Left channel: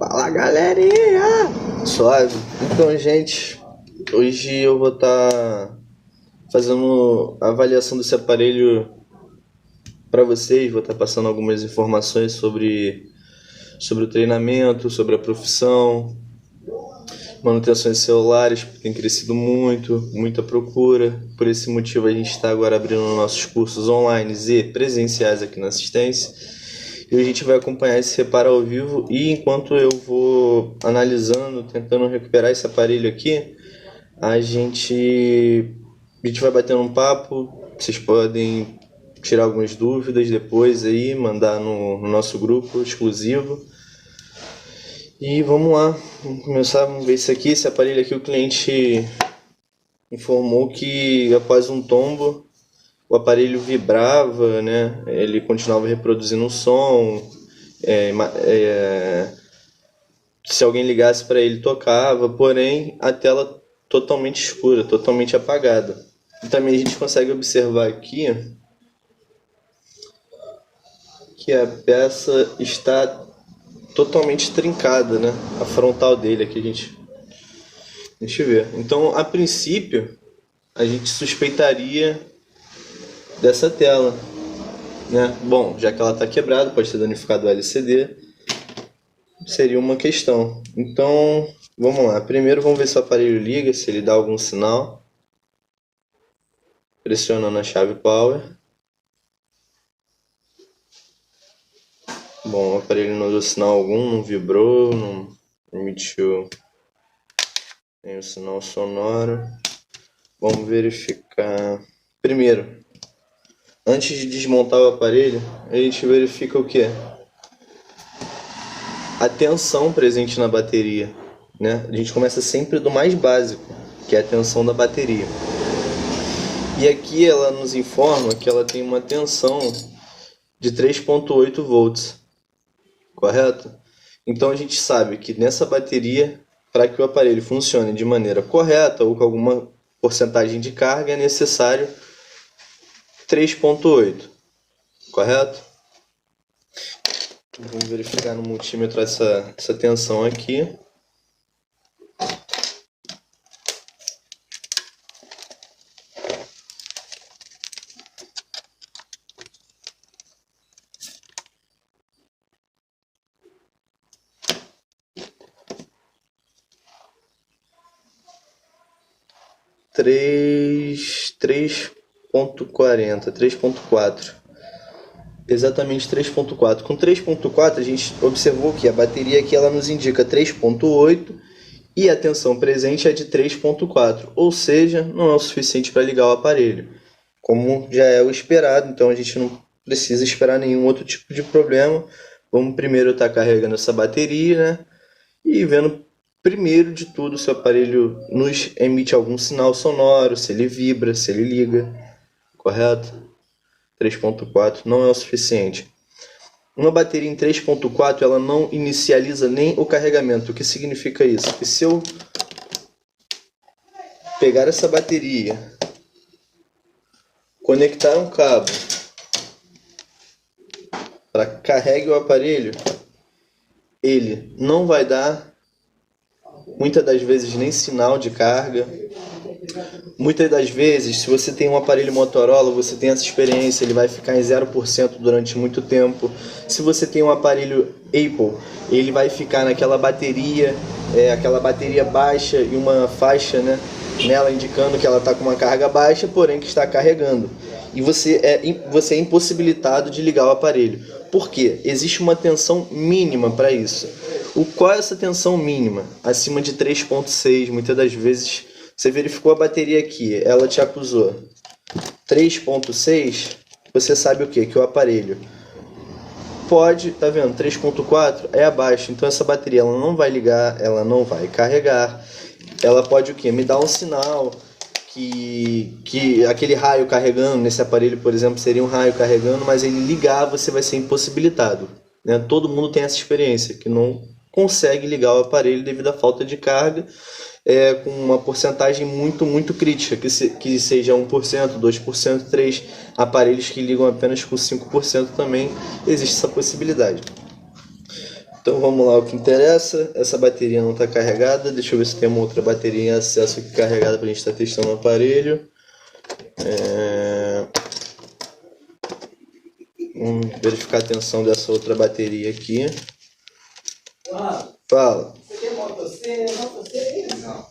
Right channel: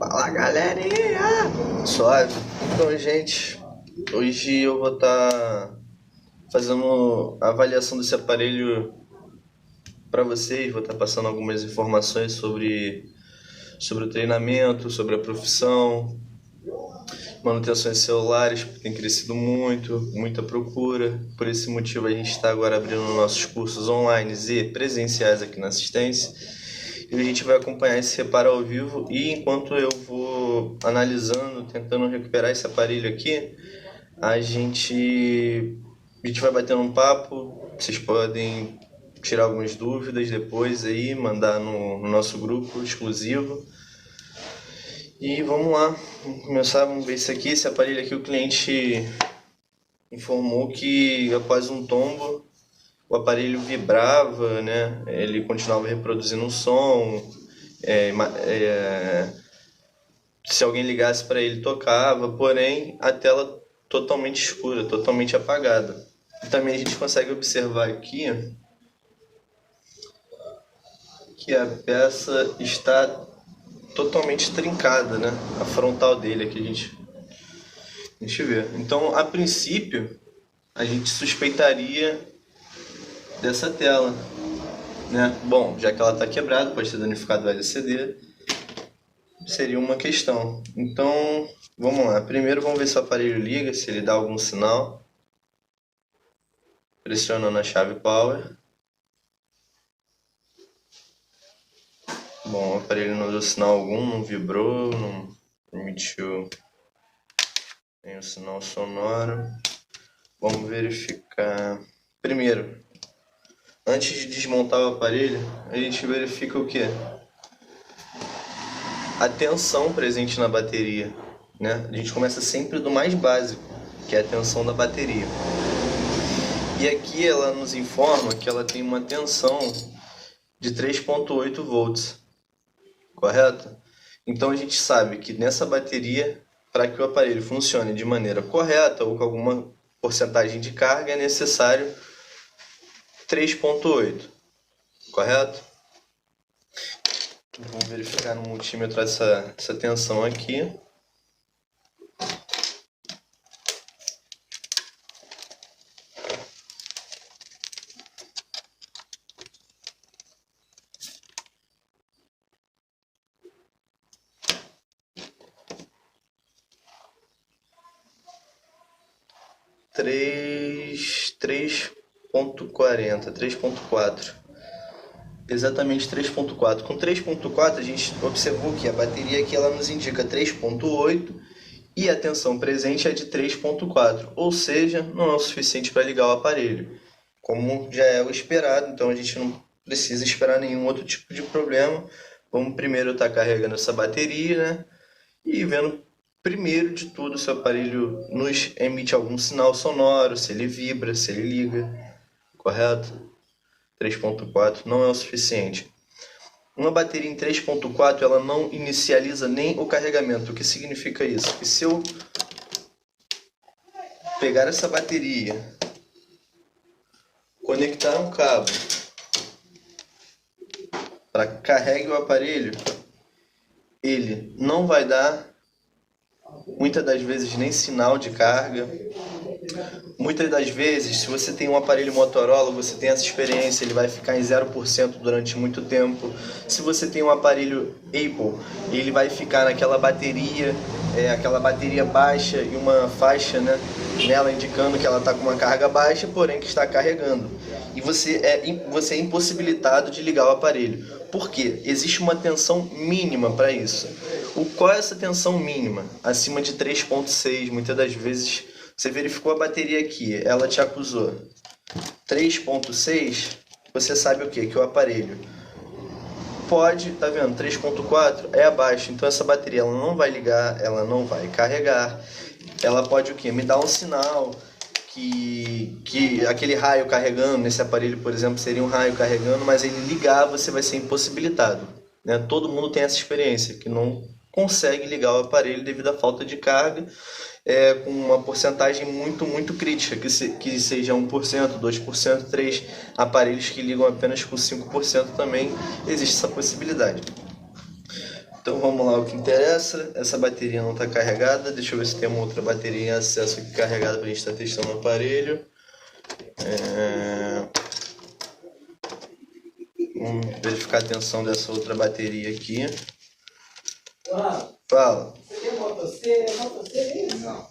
Fala, galerinha! Suave. Então, gente, hoje eu vou estar fazendo a avaliação desse aparelho para vocês. Vou estar passando algumas informações sobre o treinamento, sobre a profissão, manutenções de celulares, que tem crescido muito, muita procura. Por esse motivo a gente está agora abrindo nossos cursos online e presenciais aqui na assistência. E a gente vai acompanhar esse reparo ao vivo, e enquanto eu vou analisando, tentando recuperar esse aparelho aqui, a gente vai batendo um papo. Vocês podem tirar algumas dúvidas depois aí, mandar no nosso grupo exclusivo. E vamos lá, vamos começar, vamos ver isso aqui. Esse aparelho aqui, o cliente informou que após um tombo o aparelho vibrava, né? Ele continuava reproduzindo um som, se alguém ligasse para ele tocava, porém a tela totalmente escura, totalmente apagada. E também a gente consegue observar aqui que a peça está totalmente trincada, né? A frontal dele aqui a gente vê. Então, a princípio, a gente suspeitaria dessa tela, né? Bom, já que ela está quebrada, pode ter danificado o LCD, seria uma questão. Então, vamos lá. Primeiro, vamos ver se o aparelho liga, se ele dá algum sinal. Pressionando a chave power. Bom, o aparelho não deu sinal algum, não vibrou, não emitiu nenhum sinal sonoro. Vamos verificar. Primeiro, antes de desmontar o aparelho, a gente verifica o que? A tensão presente na bateria, né? A gente começa sempre do mais básico, que é a tensão da bateria. E aqui ela nos informa que ela tem uma tensão de 3,8 volts, correto? Então a gente sabe que nessa bateria, para que o aparelho funcione de maneira correta ou com alguma porcentagem de carga, é necessário 3,8, correto? Vamos verificar no multímetro essa tensão aqui. Três ponto 3.4, exatamente 3.4. Com 3.4 a gente observou que a bateria aqui ela nos indica 3.8 e a tensão presente é de 3.4, ou seja, não é o suficiente para ligar o aparelho, como já é o esperado. Então a gente não precisa esperar nenhum outro tipo de problema. Vamos primeiro estar carregando essa bateria, né? E vendo primeiro de tudo se o aparelho nos emite algum sinal sonoro, se ele vibra, se ele liga, correto? 3.4 não é o suficiente. Uma bateria em 3.4 ela não inicializa nem o carregamento. O que significa isso? Que se eu pegar essa bateria, conectar um cabo para carregue o aparelho, ele não vai dar muitas das vezes nem sinal de carga. Muitas das vezes, se você tem um aparelho Motorola, você tem essa experiência, ele vai ficar em 0% durante muito tempo. Se você tem um aparelho Apple, ele vai ficar naquela bateria, aquela bateria baixa e uma faixa, né, nela indicando que ela está com uma carga baixa, porém que está carregando. E você é impossibilitado de ligar o aparelho. Por quê? Existe uma tensão mínima para isso. Qual é essa tensão mínima? Acima de 3.6, muitas das vezes. Você verificou a bateria aqui, ela te acusou 3.6, você sabe o que? Que o aparelho pode, tá vendo? 3.4 é abaixo, então essa bateria ela não vai ligar, ela não vai carregar. Ela pode o que? Me dar um sinal que aquele raio carregando, nesse aparelho, por exemplo, seria um raio carregando, mas ele ligar, você vai ser impossibilitado, né? Todo mundo tem essa experiência, que não consegue ligar o aparelho devido à falta de carga. Com uma porcentagem muito crítica, que seja 1%, 2%, 3%. Aparelhos que ligam apenas com 5% também existe essa possibilidade. Então vamos lá, o que interessa, essa bateria não está carregada, deixa eu ver se tem uma outra bateria em acesso aqui carregada para a gente estar testando o aparelho. Vamos verificar a tensão dessa outra bateria aqui. Fala. Você tem Moto C? Moto C? Não.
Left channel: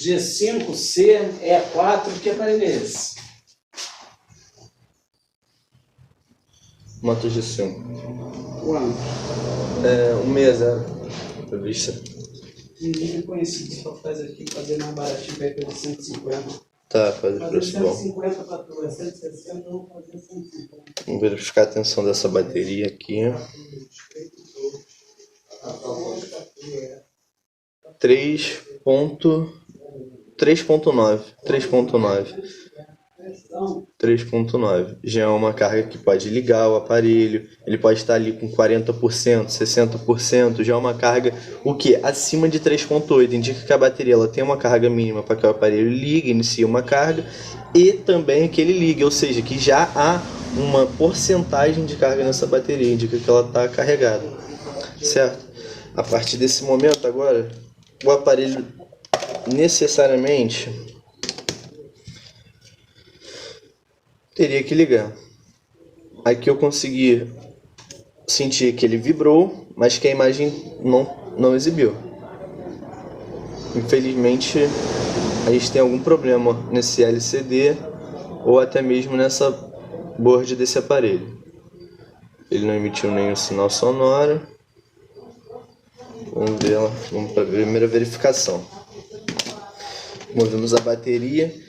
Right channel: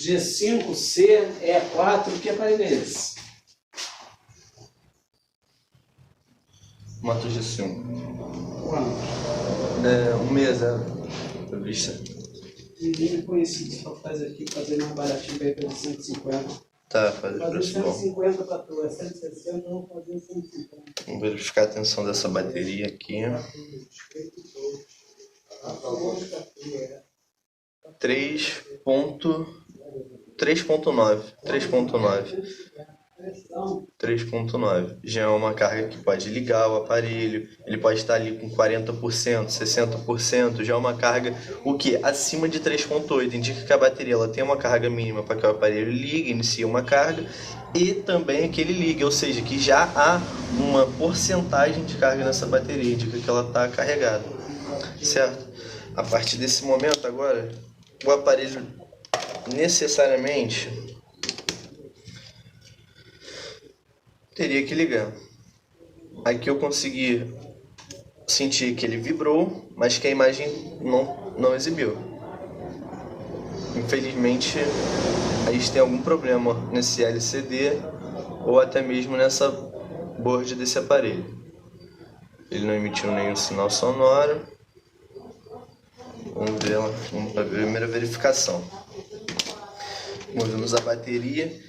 G5C, E4, que aparelho é esse? Moto G5. Quanto? 160. Revista. Ninguém conhecido, só faz aqui, fazer mais baratinho para ir pelo 150. Tá, fazer Fazer preço bom. 150 para tu, é 160, vamos fazer 150. Vamos verificar a tensão dessa bateria aqui. 3.9. Já é uma carga que pode ligar o aparelho, ele pode estar ali com 40%, 60%, já é uma carga o que? Acima de 3.8, indica que a bateria ela tem uma carga mínima para que o aparelho ligue, inicie uma carga e também que ele ligue, ou seja, que já há uma porcentagem de carga nessa bateria, indica que ela está carregada, certo? A partir desse momento agora, o aparelho necessariamente teria que ligar. Aqui eu consegui sentir que ele vibrou, mas que a imagem não exibiu. Infelizmente, a gente tem algum problema nesse LCD ou até mesmo nessa board desse aparelho. Ele não emitiu nenhum sinal sonoro. Vamos para a primeira verificação. Movemos a bateria.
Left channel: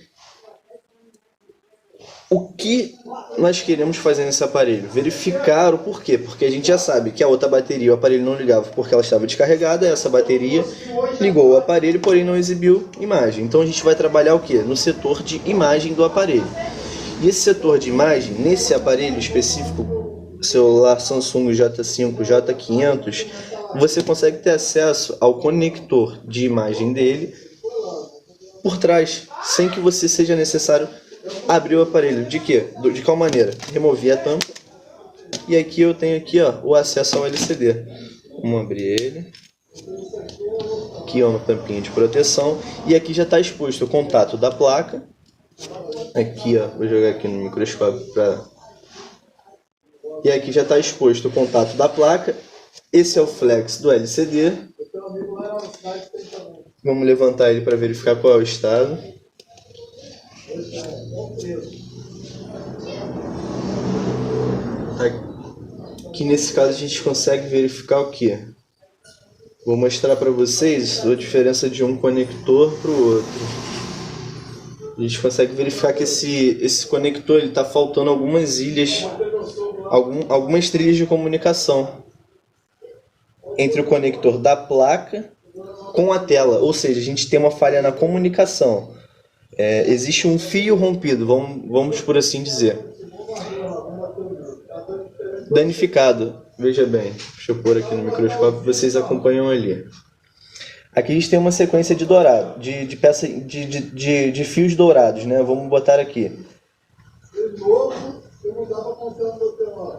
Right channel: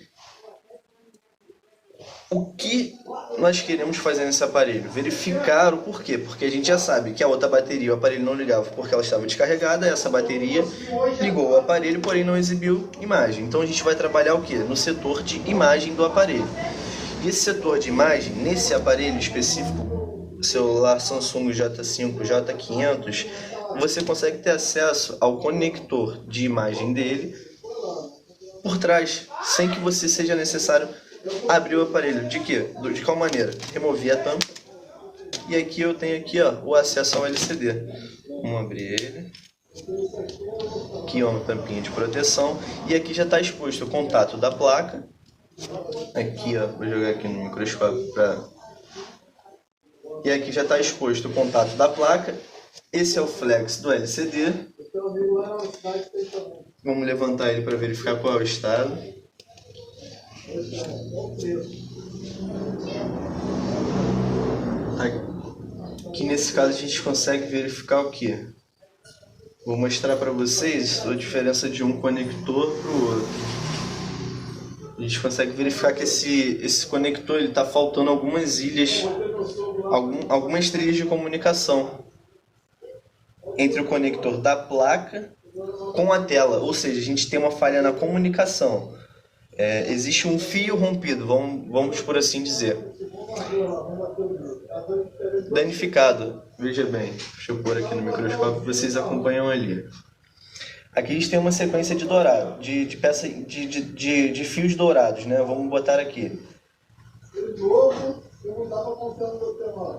O que nós queremos fazer nesse aparelho? Verificar o porquê. Porque a gente já sabe que a outra bateria, o aparelho não ligava porque ela estava descarregada. Essa bateria ligou o aparelho, porém não exibiu imagem. Então a gente vai trabalhar o quê? No setor de imagem do aparelho. E esse setor de imagem, nesse aparelho específico, celular Samsung J5, J500, você consegue ter acesso ao conector de imagem dele por trás, sem que você seja necessário abrir o aparelho. De quê? De qual maneira? Removi a tampa e aqui eu tenho aqui, ó, o acesso ao LCD. Vamos abrir ele. Aqui é uma tampinha de proteção e aqui já está exposto o contato da placa. Aqui, ó, vou jogar aqui no microscópio para. E aqui já está exposto o contato da placa. Esse é o flex do LCD. Vamos levantar ele para verificar qual é o estado. Aqui nesse caso a gente consegue verificar o que? Vou mostrar para vocês a diferença de um conector para o outro. A gente consegue verificar que esse conector está faltando algumas ilhas, algumas trilhas de comunicação entre o conector da placa com a tela, ou seja, a gente tem uma falha na comunicação. Existe um fio rompido, vamos por assim dizer. Danificado, veja bem, deixa eu pôr aqui no microscópio, vocês acompanham ali. Aqui a gente tem uma sequência de dourado, de fios dourados, né? Vamos botar aqui.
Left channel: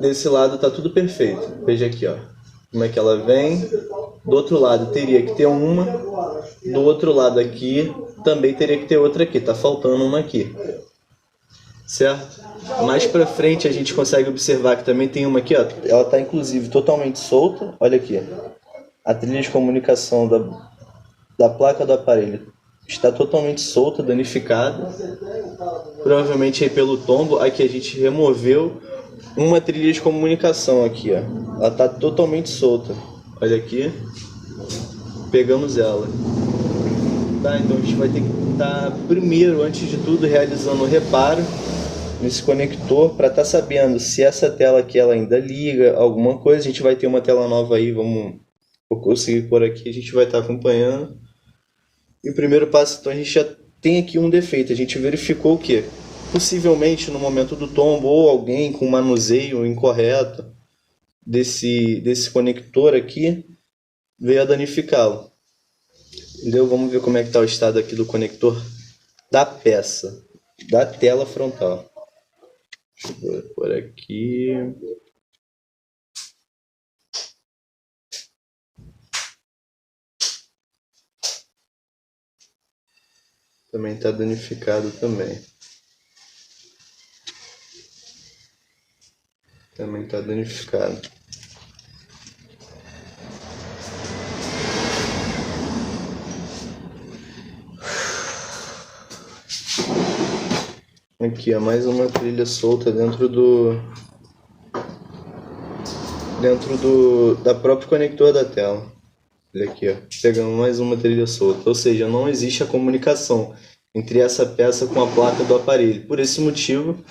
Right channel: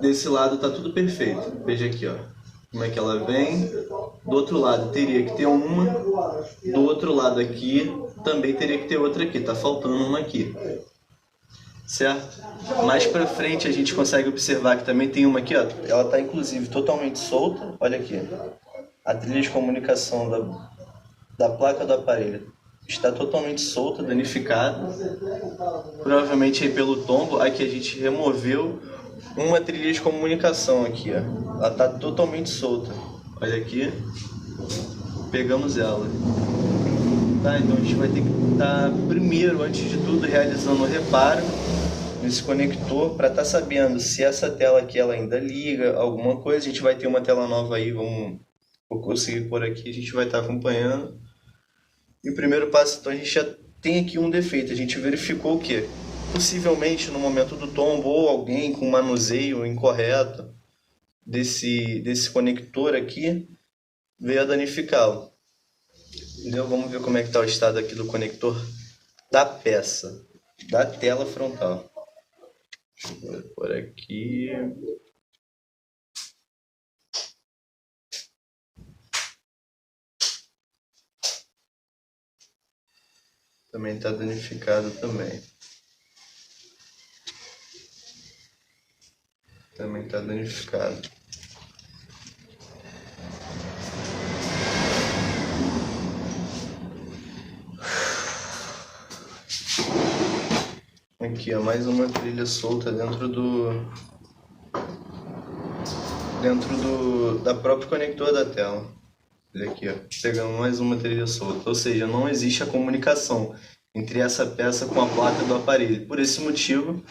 Desse lado está tudo perfeito, veja aqui, ó, como é que ela vem. Do outro lado teria que ter uma, do outro lado aqui também teria que ter outra aqui, tá faltando uma aqui, certo? Mais pra frente a gente consegue observar que também tem uma aqui, ó, ela tá inclusive totalmente solta, olha aqui, a trilha de comunicação da placa do aparelho está totalmente solta, danificada, provavelmente aí pelo tombo. Aqui a gente removeu uma trilha de comunicação aqui, ó, ela tá totalmente solta, olha aqui, pegamos ela. Tá, então a gente vai ter que estar primeiro, antes de tudo, realizando o reparo nesse conector para estar sabendo se essa tela aqui ela ainda liga, alguma coisa. A gente vai ter uma tela nova aí, vou conseguir por aqui, a gente vai estar acompanhando. E o primeiro passo, então, a gente já tem aqui um defeito, a gente verificou o que? Possivelmente no momento do tombo ou alguém com manuseio incorreto desse conector aqui veio a danificá-lo. Entendeu? Vamos ver como é que está o estado aqui do conector da peça, da tela frontal. Vou por aqui. Também está danificado também. Também está danificado. Aqui, ó, mais uma trilha solta dentro da próprio conector da tela. Olha aqui, ó, pegando mais uma trilha solta. Ou seja, não existe a comunicação entre essa peça com a placa do aparelho. Por esse motivo,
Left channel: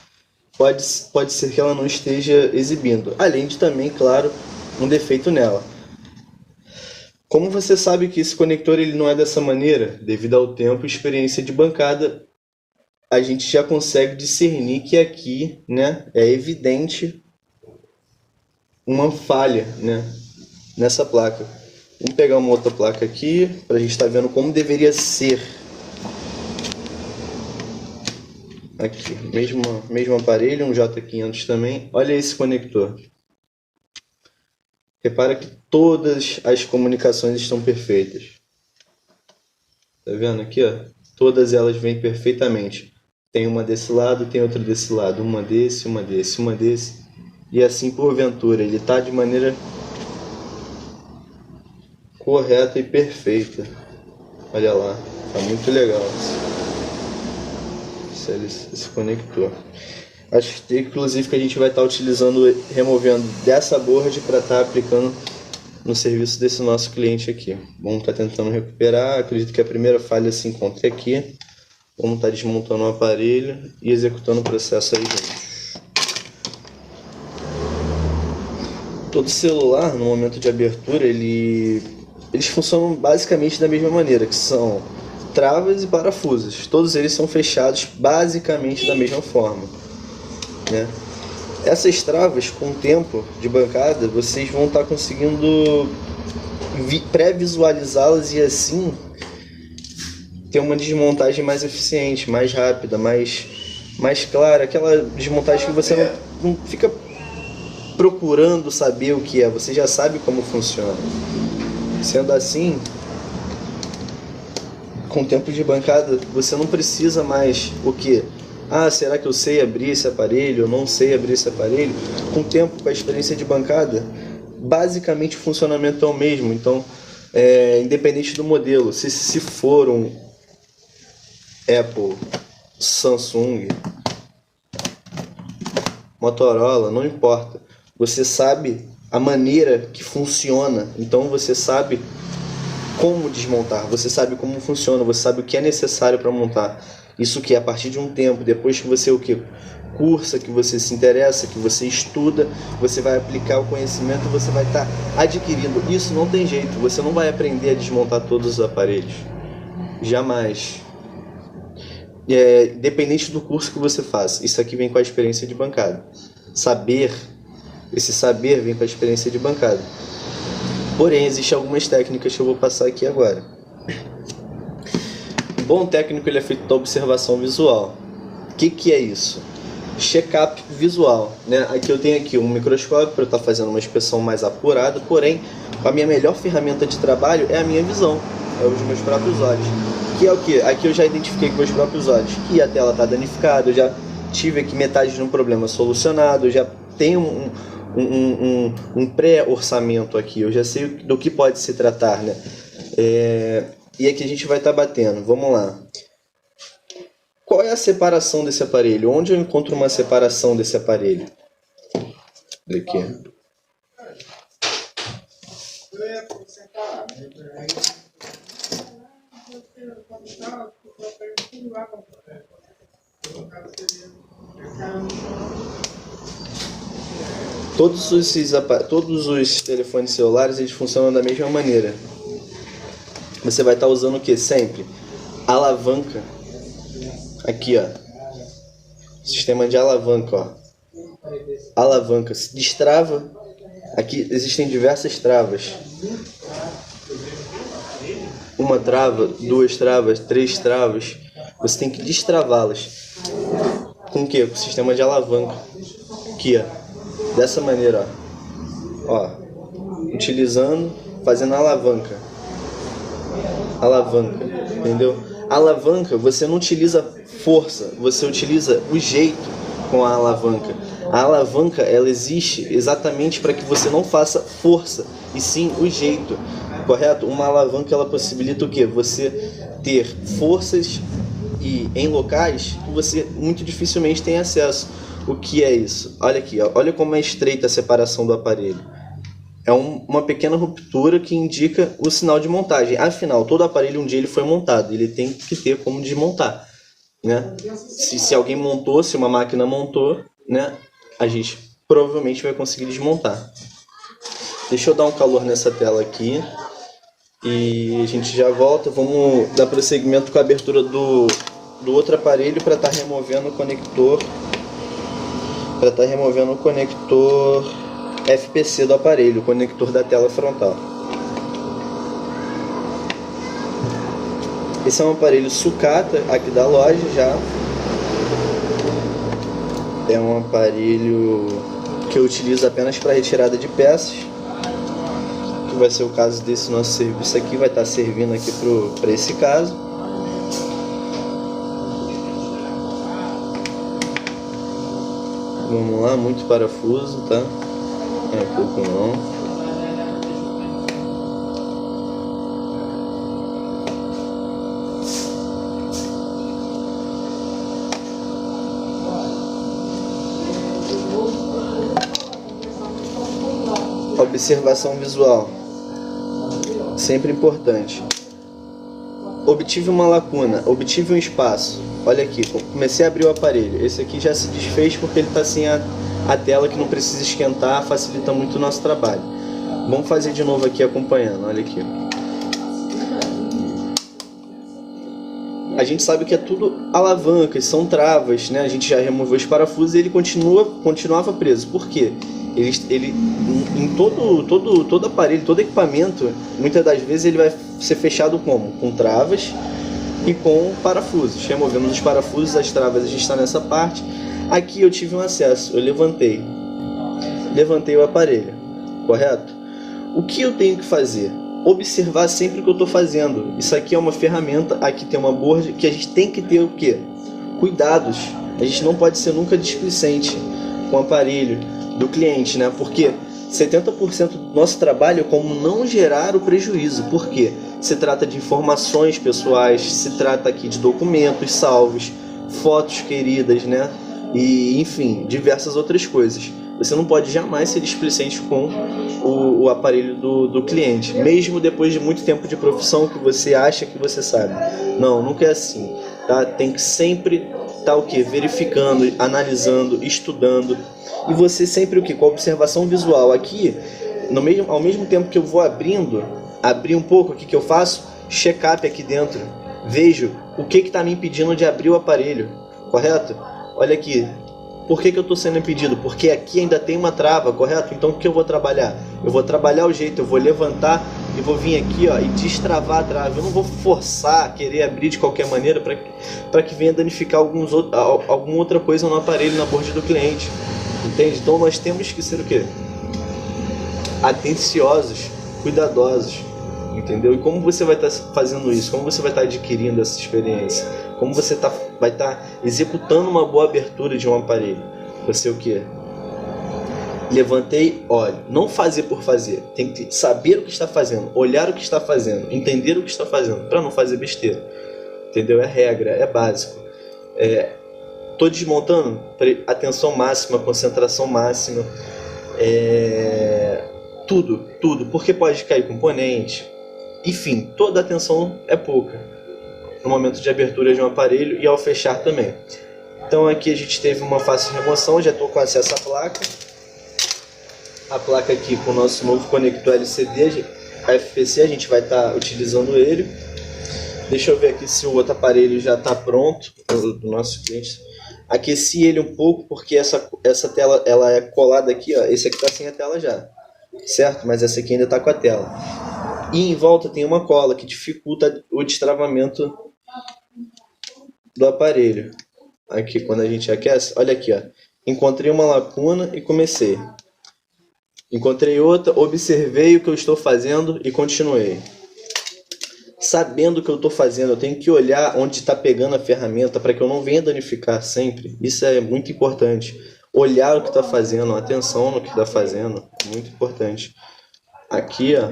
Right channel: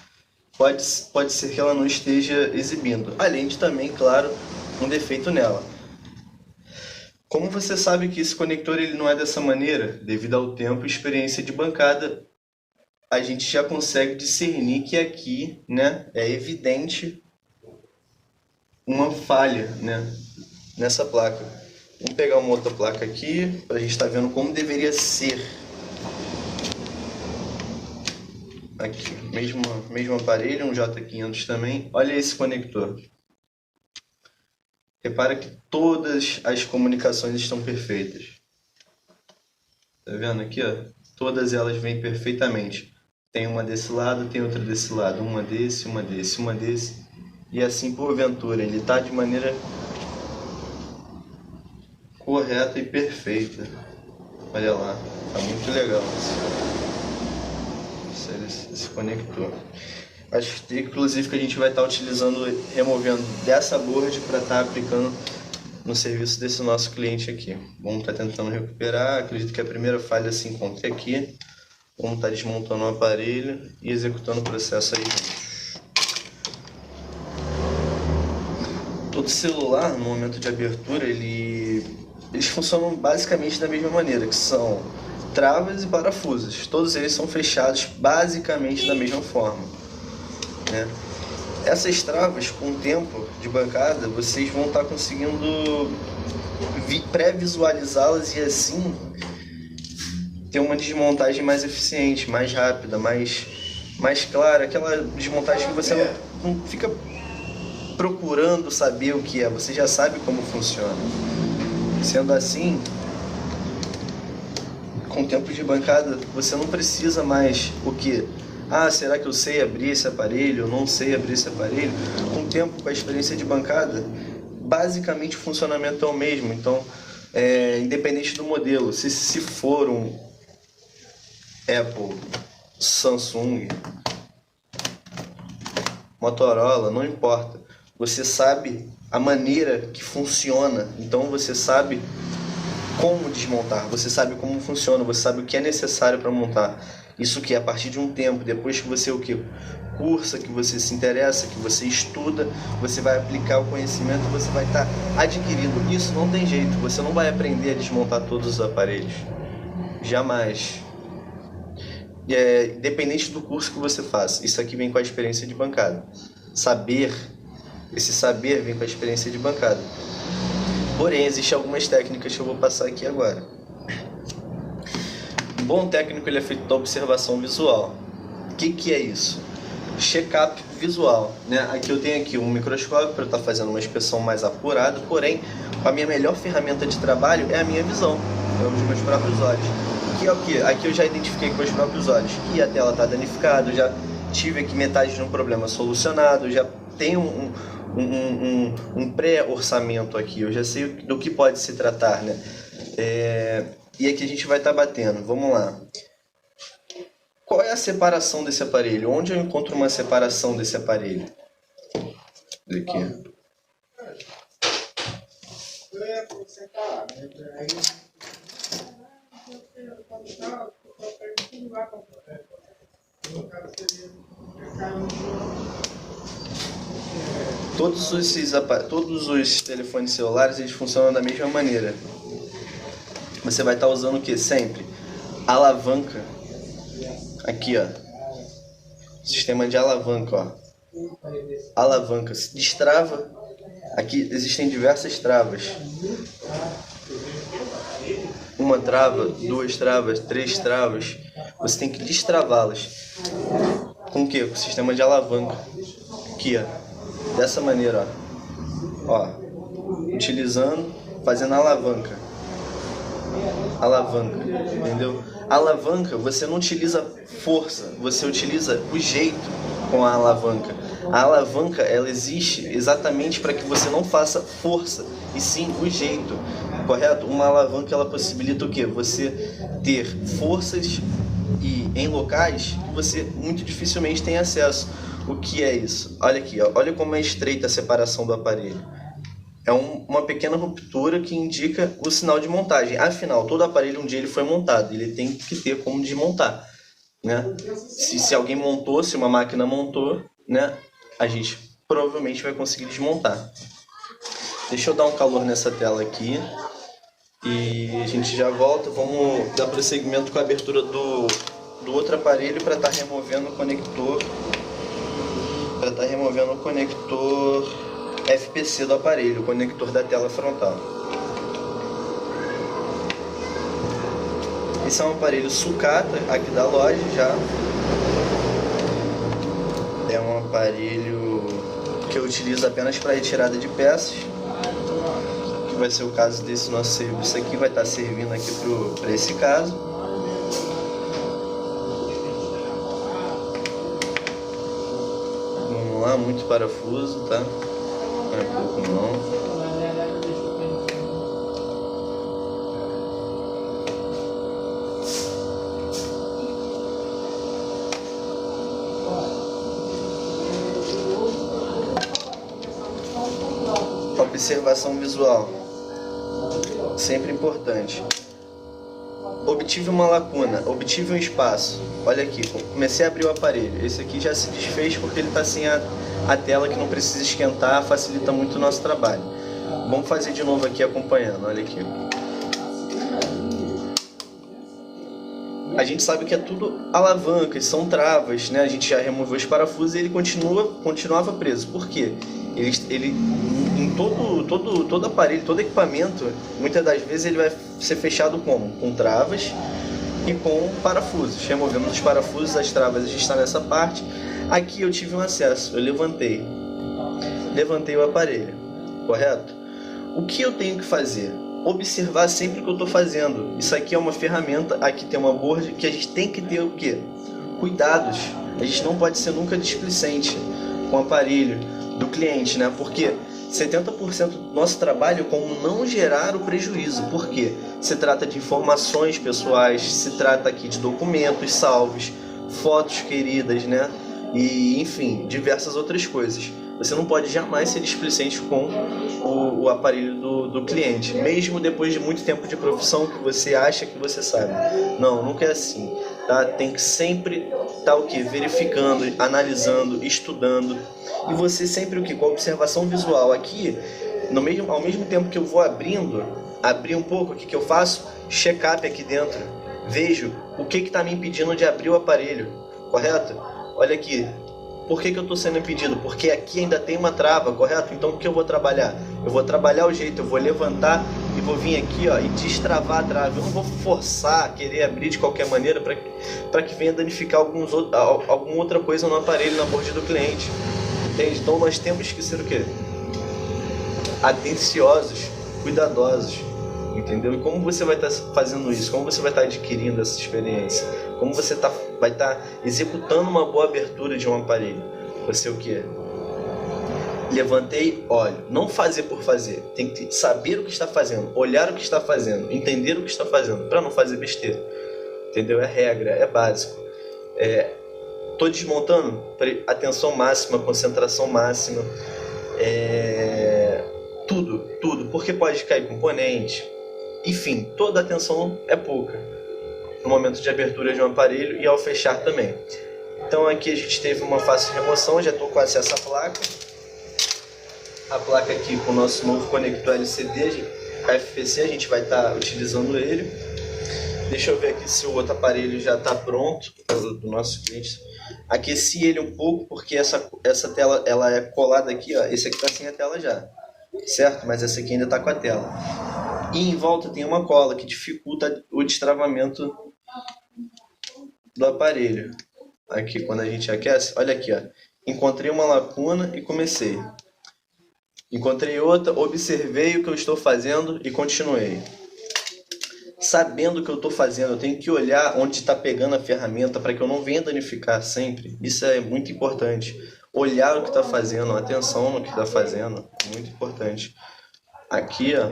pode ser que ela não esteja exibindo. Além de também, claro, um defeito nela. Como você sabe que esse conector ele não é dessa maneira, devido ao tempo e experiência de bancada, a gente já consegue discernir que aqui, né, é evidente uma falha, né, nessa placa. Vamos pegar uma outra placa aqui para a gente estar vendo como deveria ser. Aqui, mesmo aparelho, um J500 também. Olha esse conector. Repara que todas as comunicações estão perfeitas. Tá vendo aqui, ó? Todas elas vêm perfeitamente. Tem uma desse lado, tem outra desse lado. Uma desse, uma desse, uma desse. E assim porventura. Ele está de maneira correta e perfeita. Olha lá. Tá muito legal esse conector. Acho que inclusive que a gente vai estar utilizando, removendo dessa board para estar aplicando no serviço desse nosso cliente aqui. Vamos estar tentando recuperar. Acredito que a primeira falha se encontre aqui. Vamos estar desmontando o aparelho e executando o processo aí juntos. Todo celular, no momento de abertura, eles funcionam basicamente da mesma maneira, que são travas e parafusos. Todos eles são fechados basicamente da mesma forma, né? Essas travas, com o tempo de bancada, vocês vão estar conseguindo pré-visualizá-las e assim ter uma desmontagem mais eficiente, mais rápida, mais clara. Aquela desmontagem que você não fica procurando saber o que é, você já sabe como funciona. Sendo assim, com o tempo de bancada, você não precisa mais o que? Ah, será que eu sei abrir esse aparelho? Eu não sei abrir esse aparelho? Com o tempo, com a experiência de bancada, basicamente o funcionamento é o mesmo. Então, independente do modelo, se for um Apple, Samsung, Motorola, não importa. Você sabe a maneira que funciona, então você sabe como desmontar, você sabe como funciona, você sabe o que é necessário para montar. Isso que a partir de um tempo, depois que você cursa, que você se interessa, que você estuda, você vai aplicar o conhecimento, você vai estar adquirindo. Isso não tem jeito, você não vai aprender a desmontar todos os aparelhos. Jamais. Independente do curso que você faça, isso aqui vem com a experiência de bancada. Esse saber vem com a experiência de bancada. Porém, existem algumas técnicas que eu vou passar aqui agora. Um bom técnico ele é feito da observação visual. O que é isso? Check-up visual, né? Aqui eu tenho um microscópio para eu estar fazendo uma inspeção mais apurada, porém, a minha melhor ferramenta de trabalho é a minha visão, é os meus próprios olhos. Que é o que? Aqui eu já identifiquei com os meus próprios olhos que a tela está danificada, eu já tive aqui metade de um problema solucionado, eu já tenho um pré-orçamento aqui, eu já sei do que pode se tratar, né? E aqui a gente vai estar batendo, vamos lá. Qual é a separação desse aparelho? Onde eu encontro uma separação desse aparelho? Aqui. Todos os telefones celulares eles funcionam da mesma maneira. Você vai estar usando o que? Sempre alavanca. Aqui, ó. Sistema de alavanca, ó. Alavanca. Se destrava. Aqui existem diversas travas. Uma trava, duas travas, três travas. Você tem que destravá-las. Com o que? Com o sistema de alavanca. aqui, ó, dessa maneira, ó, utilizando, fazendo alavanca, entendeu? Alavanca, você não utiliza força, você utiliza o jeito com a alavanca. A alavanca, ela existe exatamente para que você não faça força, e sim o jeito, correto? Uma alavanca, ela possibilita o quê? Você ter forças e em locais que você muito dificilmente tem acesso. O que é isso? Olha aqui, ó, olha como é estreita a separação do aparelho. É uma pequena ruptura que indica o sinal de montagem. Afinal, todo aparelho um dia ele foi montado, ele tem que ter como desmontar, né? Se alguém montou, se uma máquina montou, né, a gente provavelmente vai conseguir desmontar. Deixa eu dar um calor nessa tela aqui e a gente já volta. Vamos dar prosseguimento com a abertura do outro aparelho para estar removendo o conector, FPC do aparelho, o conector da tela frontal. Esse é um aparelho sucata aqui da loja já. É um aparelho que eu utilizo apenas para retirada de peças, que vai ser o caso desse nosso serviço aqui, vai estar servindo aqui para esse caso. Vamos lá, muito parafuso, tá? Não é pouco não. Observação visual, sempre importante. Obtive uma lacuna, obtive um espaço. Olha aqui, comecei a abrir o aparelho. Esse aqui já se desfez porque ele está sem a tela, que não precisa esquentar, facilita muito o nosso trabalho. Vamos fazer de novo aqui acompanhando, olha aqui. A gente sabe que é tudo alavancas, são travas, né? A gente já removeu os parafusos e ele continuava preso. Por quê? Ele em todo aparelho, todo equipamento, muitas das vezes ele vai ser fechado como? Com travas e com parafusos. Removemos os parafusos, as travas, a gente está nessa parte. Aqui eu tive um acesso, eu levantei o aparelho, correto? O que eu tenho que fazer? Observar sempre o que eu estou fazendo. Isso aqui é uma ferramenta, aqui tem uma borda que a gente tem que ter o quê? Cuidados. A gente não pode ser nunca displicente com o aparelho do cliente, né? Porque 70% do nosso trabalho é como não gerar o prejuízo. Por quê? Se trata de informações pessoais, se trata aqui de documentos salvos, fotos queridas, né? E, enfim, diversas outras coisas. Você não pode jamais ser displicente com o aparelho do cliente, mesmo depois de muito tempo de profissão que você acha que você sabe. Não, nunca é assim, tá? Tem que sempre estar o quê? Verificando, analisando, estudando. E você sempre o quê? Com a observação visual. Aqui, ao mesmo tempo que eu vou abrir um pouco, o que eu faço? Check-up aqui dentro. Vejo o que está me impedindo de abrir o aparelho, correto? Olha aqui. Por que eu estou sendo impedido? Porque aqui ainda tem uma trava, correto? Então o que eu vou trabalhar? Eu vou trabalhar o jeito, eu vou levantar e vou vir aqui, ó, e destravar a trava. Eu não vou forçar, querer abrir de qualquer maneira para que venha danificar alguma outra coisa no aparelho, na borda do cliente. Entende? Então nós temos que ser o quê? Atenciosos, cuidadosos. Entendeu? E como você vai estar fazendo isso? Como você vai estar adquirindo essa experiência? Como você vai estar executando uma boa abertura de um aparelho? Você o quê? Levantei, olho. Não fazer por fazer. Tem que saber o que está fazendo, olhar o que está fazendo, entender o que está fazendo, para não fazer besteira. Entendeu? É regra, é básico. Estou desmontando, atenção máxima, concentração máxima. Tudo. Porque pode cair componente. Enfim, toda a atenção é pouca no momento de abertura de um aparelho e ao fechar também. Então aqui a gente teve uma fácil remoção, já estou com acesso à placa. A placa aqui com o nosso novo conector LCD, FPC, a gente vai estar utilizando ele. Deixa eu ver aqui se o outro aparelho já está pronto, do nosso cliente. Aqueci ele um pouco porque essa tela ela é colada aqui, ó. Esse aqui está sem a tela já, certo? Mas essa aqui ainda está com a tela. E em volta tem uma cola que dificulta o destravamento do aparelho. Aqui, quando a gente aquece, olha aqui, ó. encontrei uma lacuna e comecei. Encontrei outra, observei o que eu estou fazendo e continuei. Sabendo o que eu estou fazendo, eu tenho que olhar onde está pegando a ferramenta para que eu não venha danificar sempre. Isso é muito importante. Olhar o que está fazendo, atenção no que está fazendo, muito importante. Aqui, ó,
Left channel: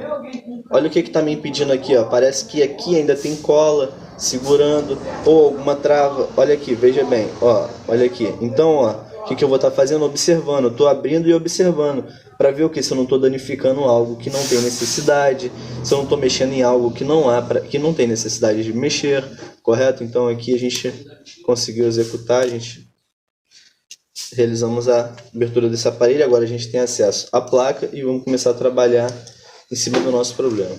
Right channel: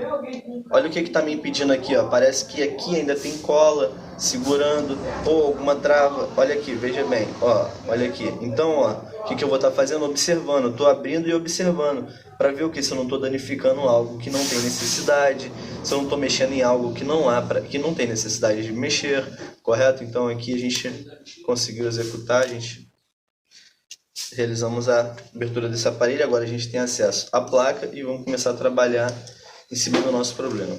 olha o que está me impedindo aqui, ó. Parece que aqui ainda tem cola segurando ou alguma trava. Olha aqui, veja bem, ó, olha aqui. Então, ó, o que eu vou estar fazendo? Observando. Estou abrindo e observando para ver o que, se eu não estou danificando algo que não tem necessidade, se eu não estou mexendo em algo que que não tem necessidade de mexer, correto? Então aqui a gente conseguiu executar, a gente realizamos a abertura desse aparelho. Agora a gente tem acesso à placa e vamos começar a trabalhar em cima do nosso problema.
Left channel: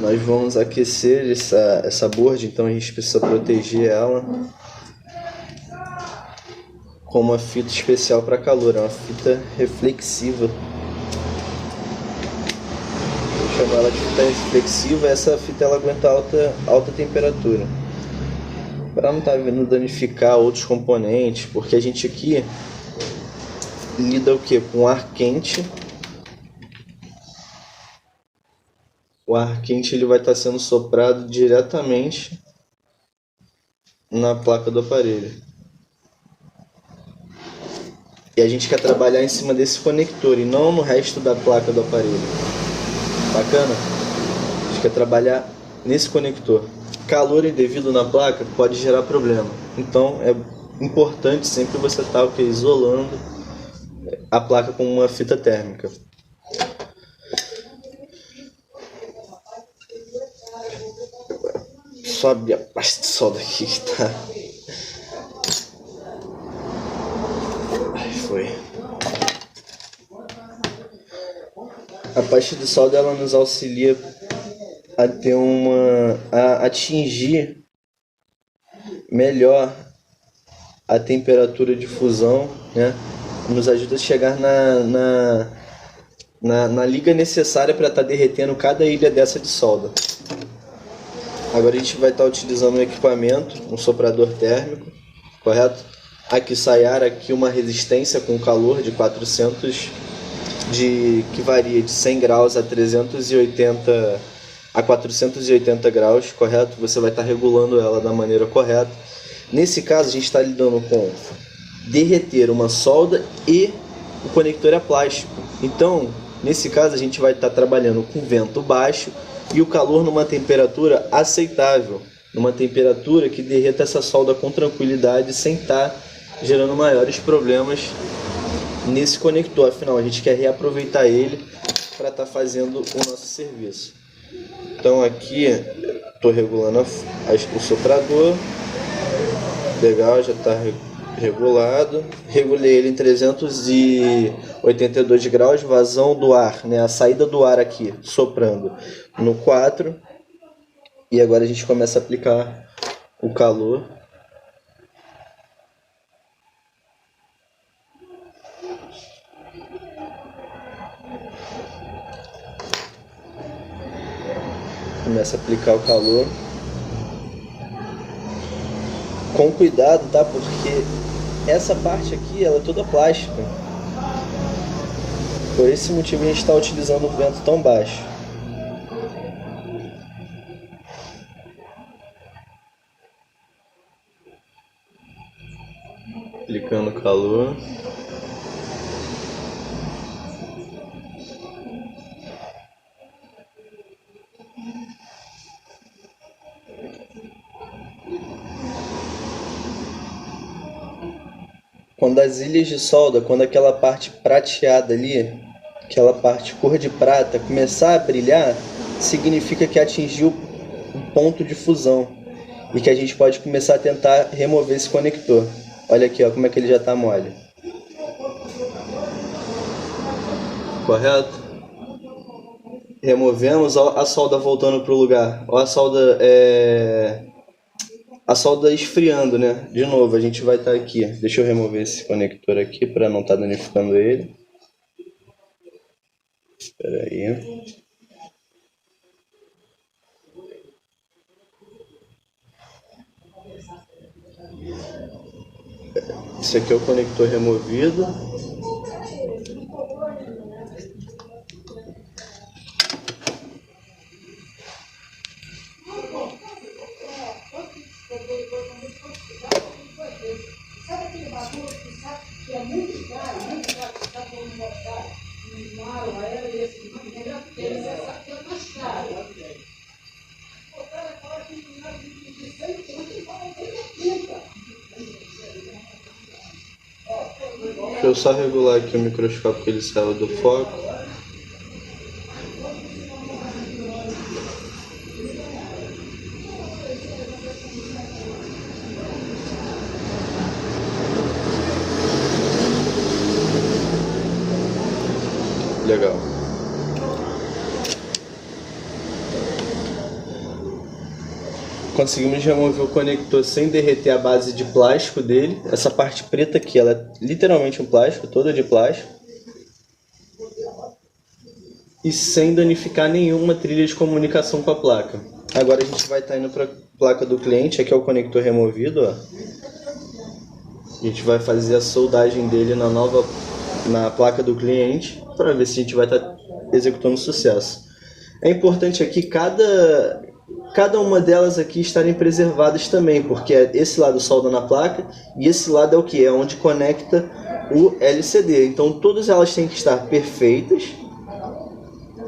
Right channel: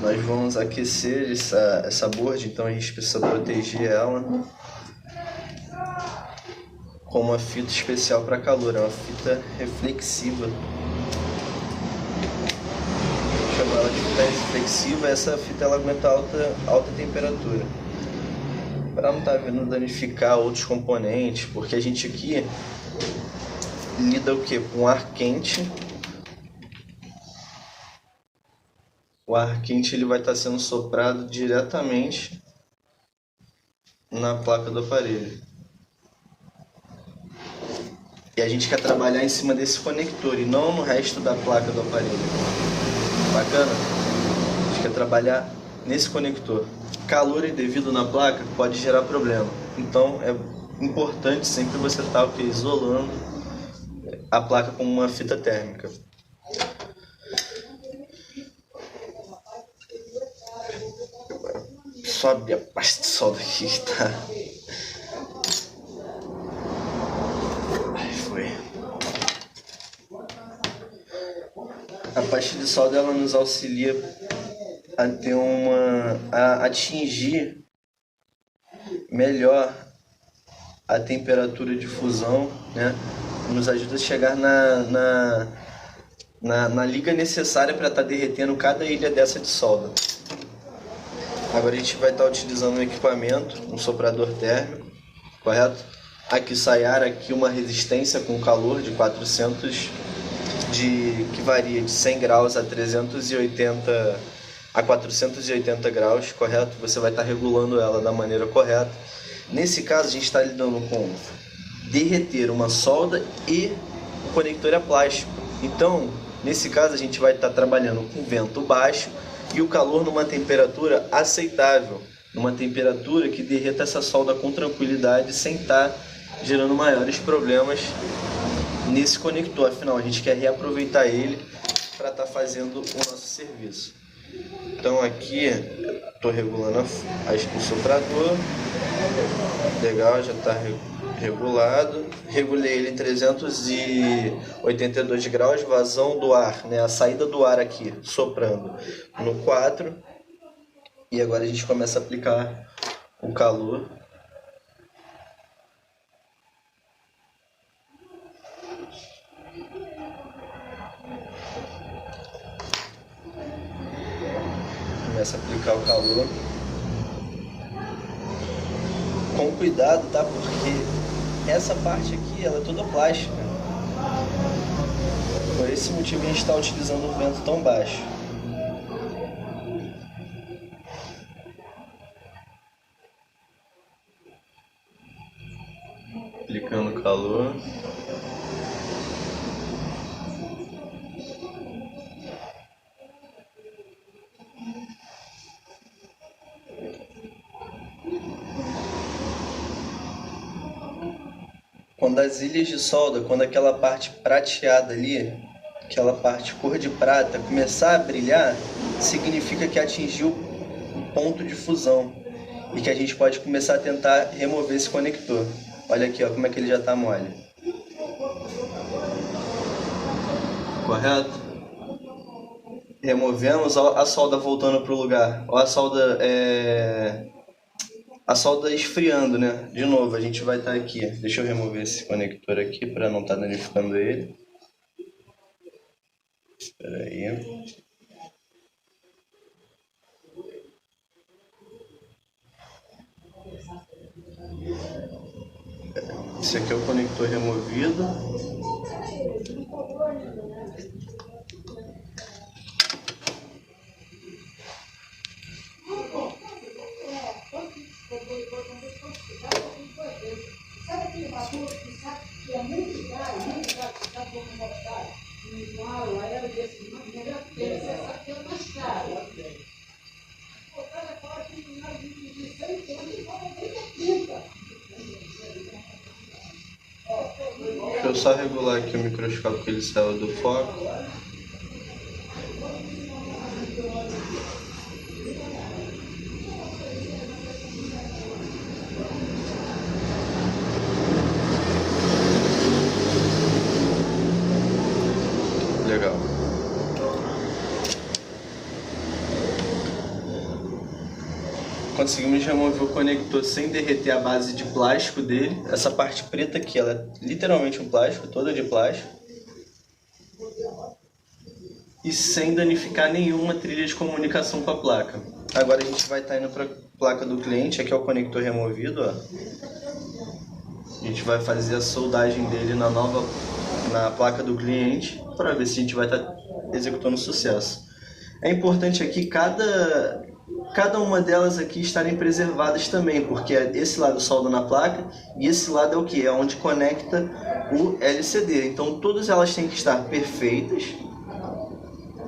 Nós vamos aquecer essa board, então a gente precisa proteger ela com uma fita especial para calor, é uma fita reflexiva. Vou chamar ela de fita reflexiva. Essa fita ela aguenta alta temperatura, para não estar vindo danificar outros componentes, porque a gente aqui lida o que? Com ar quente. O ar quente ele vai estar sendo soprado diretamente na placa do aparelho. E a gente quer trabalhar em cima desse conector e não no resto da placa do aparelho. Bacana? A gente quer trabalhar nesse conector. Calor indevido na placa pode gerar problema. Então é importante sempre você estar isolando a placa com uma fita térmica. Sobe a pasta de solda aqui que tá. Aí foi. A pasta de solda ela nos auxilia a ter a atingir melhor a temperatura de fusão, né? Nos ajuda a chegar na liga necessária para estar derretendo cada ilha dessa de solda. Agora a gente vai estar utilizando um equipamento, um soprador térmico, correto? Aqui SAIAR, aqui uma resistência com calor de 400, que varia de 100 graus a 380 a 480 graus, correto? Você vai estar regulando ela da maneira correta. Nesse caso a gente está lidando com derreter uma solda e o conector é plástico. Então, nesse caso a gente vai estar trabalhando com vento baixo e o calor numa temperatura aceitável, numa temperatura que derreta essa solda com tranquilidade, sem estar gerando maiores problemas nesse conector. Afinal, a gente quer reaproveitar ele para estar fazendo o nosso serviço. Então aqui estou regulando o soprador. Legal, já está regulado. Regulei ele em 382 graus, vazão do ar, né? A saída do ar aqui, soprando no 4. E agora a gente começa a aplicar o calor. Começa a aplicar o calor. Com cuidado, tá? Porque essa parte aqui, ela é toda plástica. Por esse motivo a gente está utilizando o vento tão baixo. Aplicando calor. Quando as ilhas de solda, quando aquela parte prateada ali, aquela parte cor de prata, começar a brilhar, significa que atingiu o ponto de fusão e que a gente pode começar a tentar remover esse conector. Olha aqui, ó, como é que ele já está mole. Correto? Removemos, ó, a solda voltando pro lugar. Ó, a solda esfriando, né? De novo, a gente vai estar aqui. Deixa eu remover esse conector aqui para não estar danificando ele. Espera aí. Esse aqui é o conector removido. Deixa eu só regular aqui o microscópio que ele saiu do foco. Legal. Conseguimos remover o conector sem derreter a base de plástico dele. Essa parte preta aqui, ela é literalmente um plástico, toda de plástico. E sem danificar nenhuma trilha de comunicação com a placa. Agora a gente vai estar indo para a placa do cliente. Aqui é o conector removido, ó. A gente vai fazer a soldagem dele na placa do cliente para ver se a gente vai estar executando sucesso. É importante aqui cada uma delas aqui estarem preservadas também, porque esse lado solda na placa e esse lado é o que? É onde conecta o LCD. Então todas elas têm que estar perfeitas,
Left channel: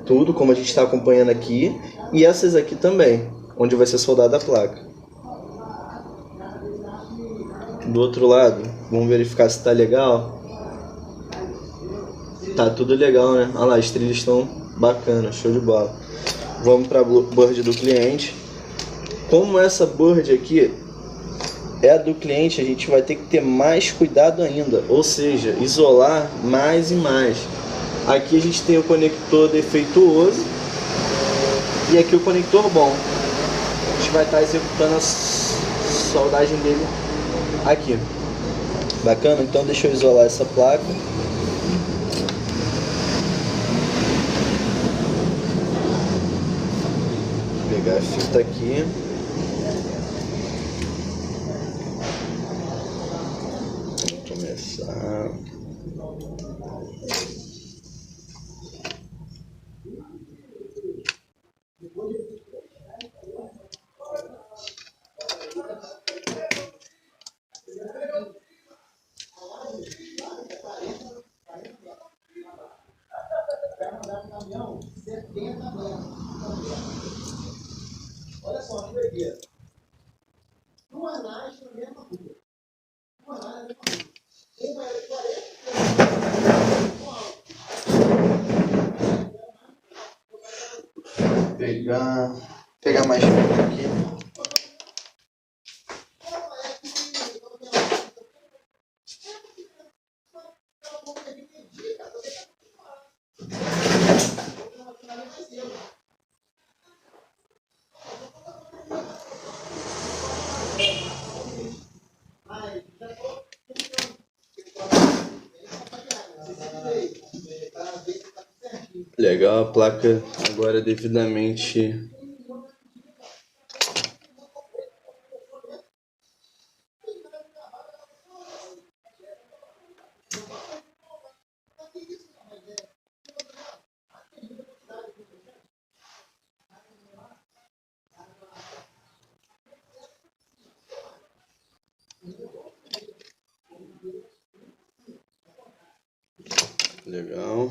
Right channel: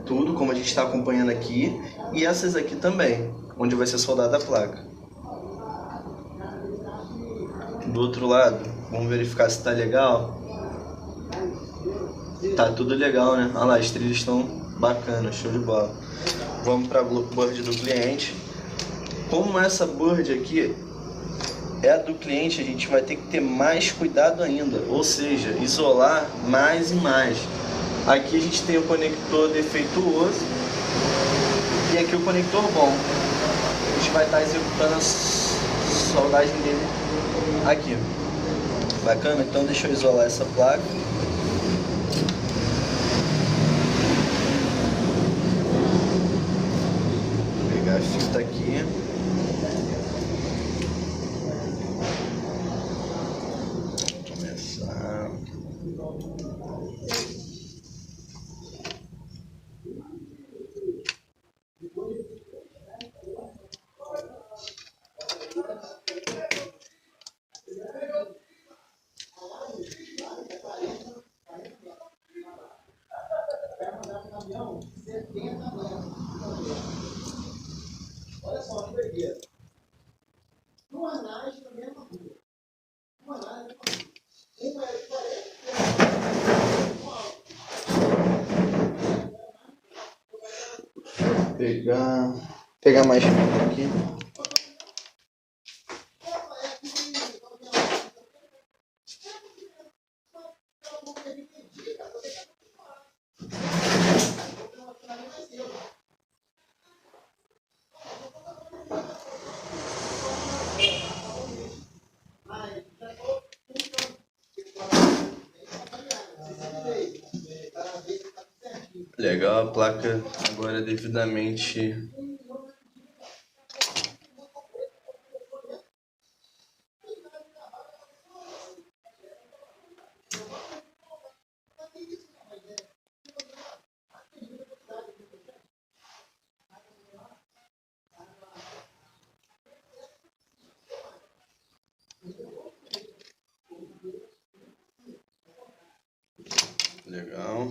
tudo como a gente está acompanhando aqui, e essas aqui também, onde vai ser soldada a placa. Do outro lado, vamos verificar se está legal. Tá tudo legal, né? Olha lá, as trilhas estão bacanas, show de bola. Vamos para a board do cliente. Como essa board aqui é a do cliente, a gente vai ter que ter mais cuidado ainda, ou seja, isolar mais e mais. Aqui a gente tem o conector defeituoso e aqui o conector bom. A gente vai estar executando a soldagem dele aqui. Bacana? Então deixa eu isolar essa placa. Vou pegar a fita aqui. Vou começar. Pegar mais fita aqui. Legal, a placa agora é devidamente legal.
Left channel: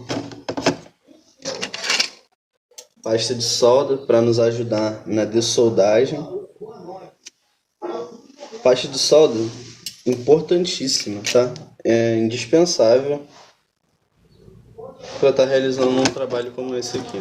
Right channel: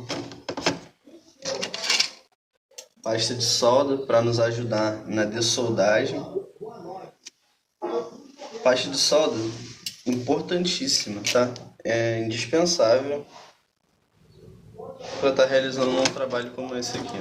Pasta de solda para nos ajudar na dessoldagem. Pasta de solda importantíssima, tá? É indispensável para estar realizando um trabalho como esse aqui.